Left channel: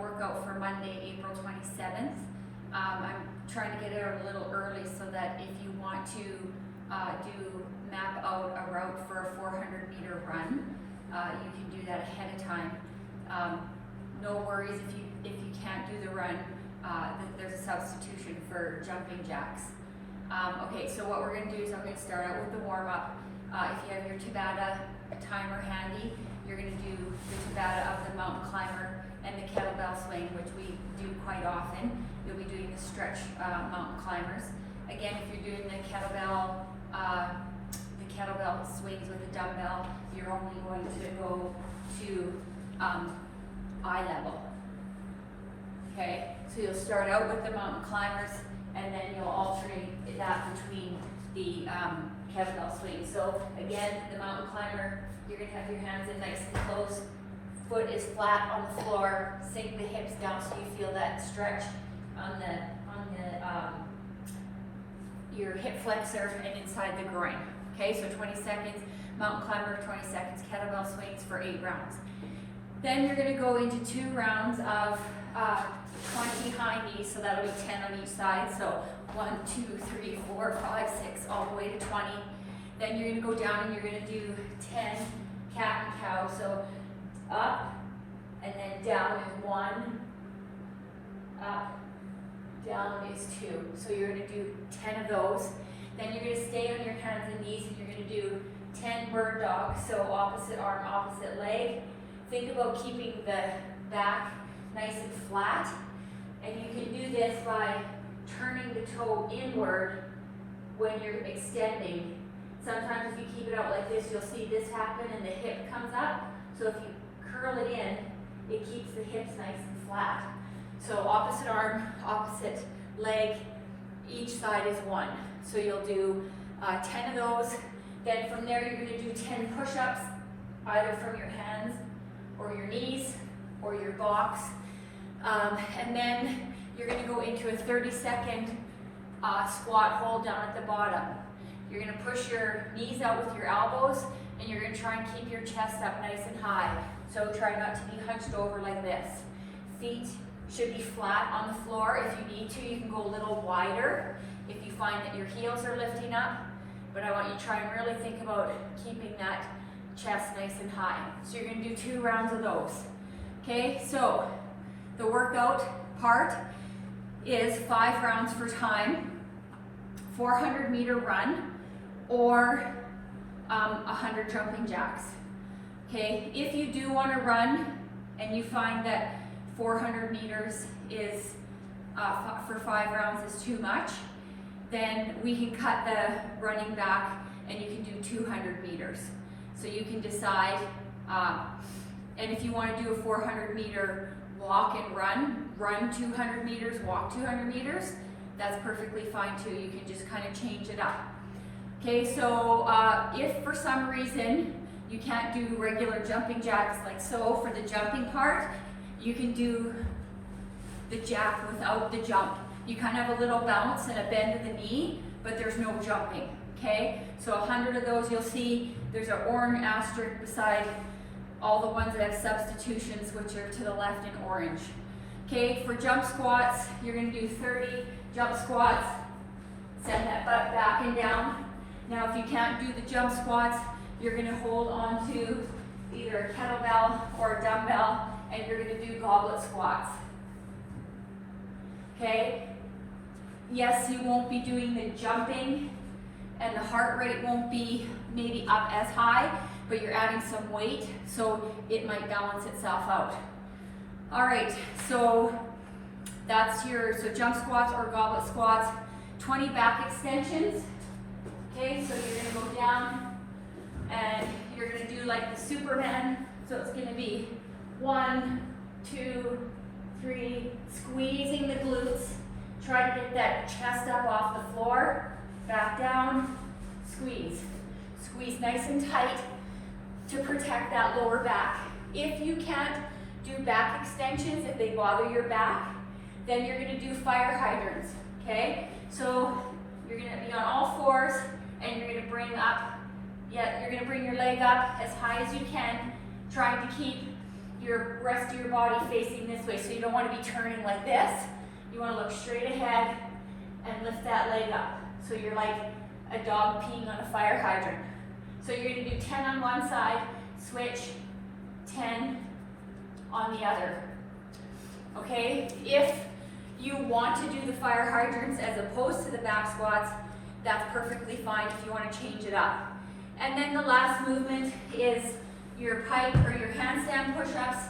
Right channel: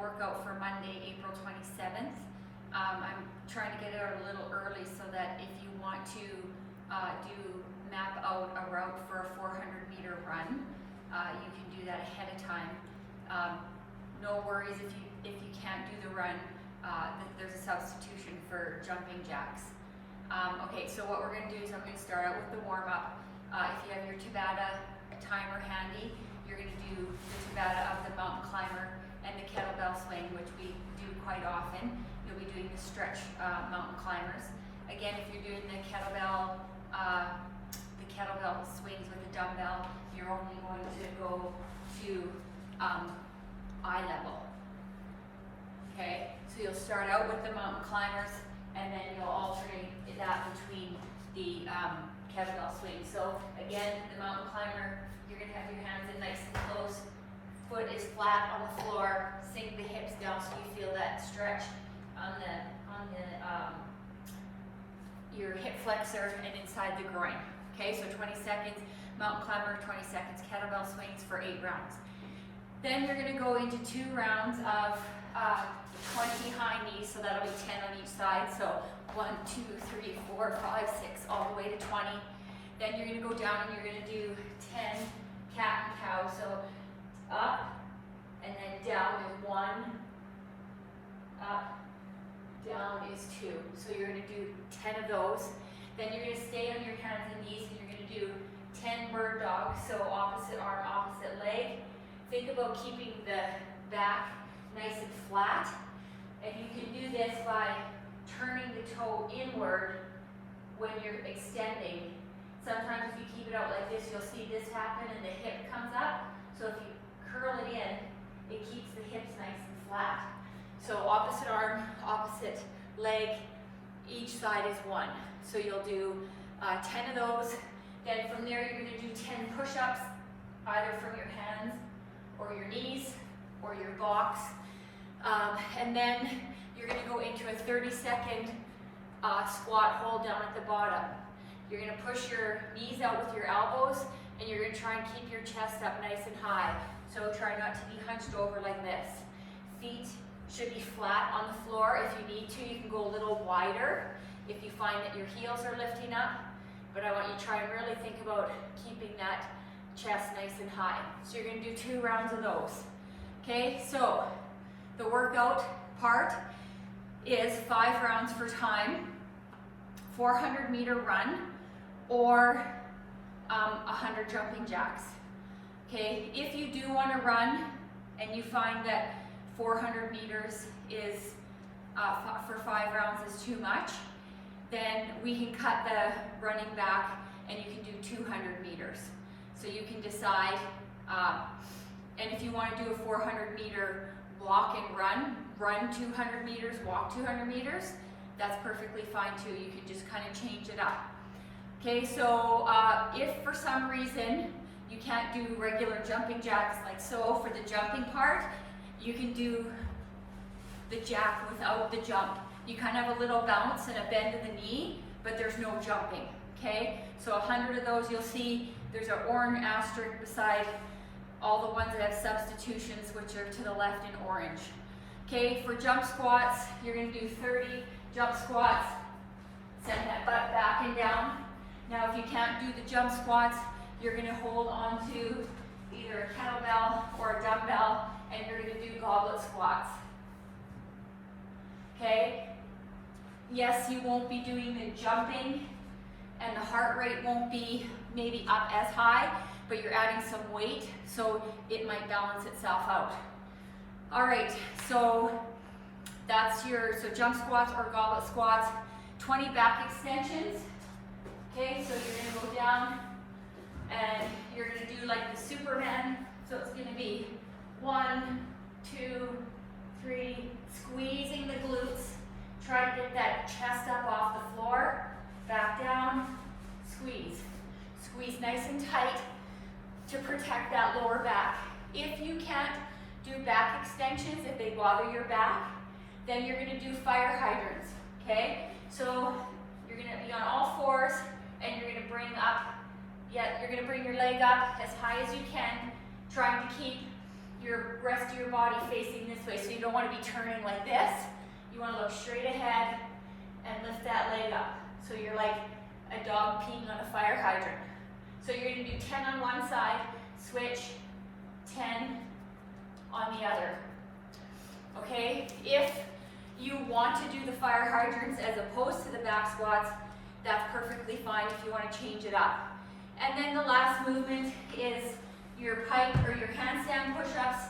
workout for Monday, April 27th. I'm trying to get it out a little early so that if you want to map out a route for a 400-meter run, you can do that ahead of time. No worries if you can't do the run, there's a substitution for jumping jacks. Okay, so what we're going to do is I'm going to start out with the warm-up. If you have your Tabata timer handy, you're going to do the Tabata of the mountain climber and the kettlebell swing, which we do quite often. You'll be doing the stretch mountain climbers. Again, if you're doing the kettlebell swings with the dumbbell, you're only going to go to eye level. Okay, so you'll start out with the mountain climbers, and then you'll alternate that between the kettlebell swings. So again, the mountain climber, you're going to have your hands in nice and close. Foot is flat on the floor. Sink the hips down so you feel that stretch on your hip flexor and inside the groin. Okay, so 20 seconds mountain climber, 20 seconds kettlebell swings for 8 rounds. Then you're going to go into 2 rounds of 20 high knees, so that'll be 10 on each side. So 1, 2, 3, 4, 5, 6, all the way to 20. Then you're going to go down and you're going to do 10 cat and cow. So up and then down is 1, up, down is 2. So you're going to do 10 of those. Then you're going to stay on your hands and knees and you're going to do 10 bird dogs. So opposite arm, opposite leg. Think about keeping the back nice and flat. And you can do this by turning the toe inward when you're extending. Sometimes if you keep it out like this, you'll see this happen and the hip comes up. So if you curl it in, it keeps the hips nice and flat. So opposite arm, opposite leg, each side is 1. So you'll do 10 of those. Then from there, you're going to do 10 push-ups, either from your hands or your knees or your box. And then you're going to go into a 30-second squat hold down at the bottom. You're going to push your knees out with your elbows, and you're going to try and keep your chest up nice and high. So try not to be hunched over like this. Feet should be flat on the floor. If you need to, you can go a little wider if you find that your heels are lifting up. But I want you to try and really think about keeping that chest nice and high. So you're going to do 2 rounds of those. Okay, so the workout part is 5 rounds for time, 400-meter run, or 100 jumping jacks. Okay, if you do want to run and you find that 400 meters is for 5 rounds is too much, then we can cut the running back and you can do 200 meters. So you can decide, and if you want to do a 400-meter walk and run 200 meters, walk 200 meters, that's perfectly fine too. You can just kind of change it up. Okay, so if for some reason you can't do regular jumping jacks like so, for the jumping part, you can do the jack without the jump. You kind of have a little bounce and a bend of the knee, but there's no jumping, okay? So 100 of those, you'll see there's an orange asterisk beside all the ones that have substitutions, which are to the left in orange. Okay, for jump squats, you're gonna do 30 jump squats. Send that butt back and down. Now, if you can't do the jump squats, you're gonna hold on to either a kettlebell or a dumbbell, and you're gonna do goblet squats. Okay? Yes, you won't be doing the jumping, and the heart rate won't be maybe up as high, but you're adding some weight, so it might balance itself out. All right, so that's so jump squats or goblet squats, 20 back extensions. Okay, so you're gonna go down and you're gonna do like the Superman. So it's gonna be 1, 2, 3, squeezing the glutes. Try to get that chest up off the floor, back down, squeeze. Squeeze nice and tight to protect that lower back. If you can't do back extensions, if they bother your back, then you're gonna do fire hydrants, okay? So you're gonna be on all fours and you're gonna bring up, you're gonna bring your leg up as high as you can, trying to keep your rest of your body facing this way. So you don't want to be turning like this. You want to look straight ahead and lift that leg up. So you're like a dog peeing on a fire hydrant. So you're going to do 10 on one side, switch, 10 on the other. Okay? If you want to do the fire hydrants as opposed to the back squats, that's perfectly fine if you want to change it up. And then the last movement is your pike or your handstand push-ups.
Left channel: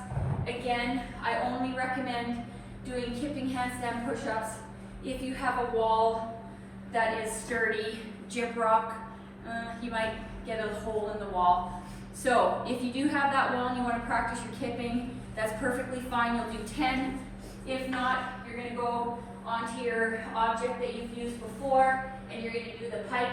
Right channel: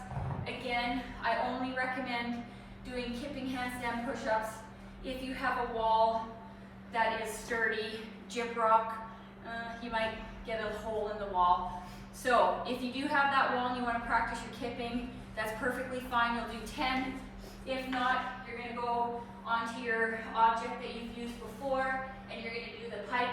Again, I only recommend doing kipping handstand push-ups if you have a wall that is sturdy. Gym rock, you might get a hole in the wall. So if you do have that wall and you want to practice your kipping, that's perfectly fine. You'll do 10. If not, you're going to go onto your object that you've used before and you're going to do the pike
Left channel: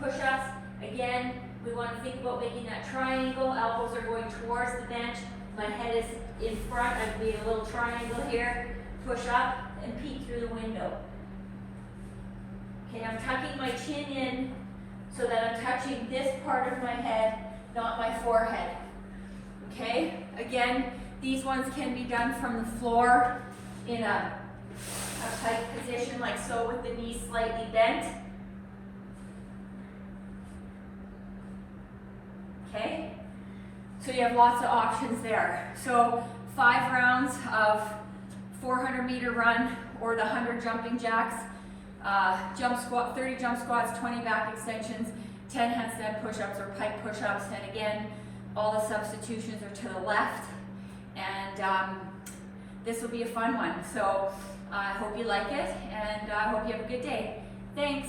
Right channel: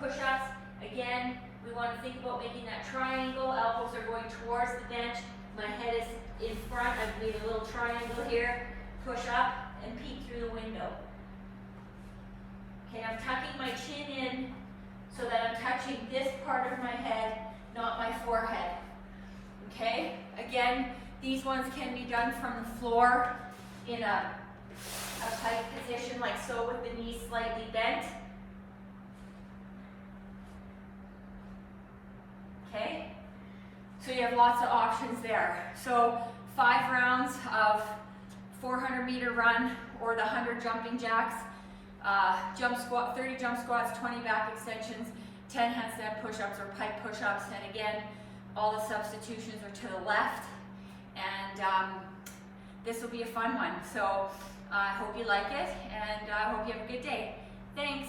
push-ups. Again, we want to think about making that triangle. Elbows are going towards the bench. My head is in front. I've made a little triangle here. Push up and peek through the window. Okay, I'm tucking my chin in so that I'm touching this part of my head, not my forehead. Okay, again, these ones can be done from the floor in a tight position like so with the knees slightly bent. Okay, so you have lots of options there. So 5 rounds of 400-meter run or the 100 jumping jacks, jump squat, 30 jump squats, 20 back extensions, 10 handstand push-ups or pike push-ups, and again, all the substitutions are to the left. And this will be a fun one. So I hope you like it, and I hope you have a good day. Thanks.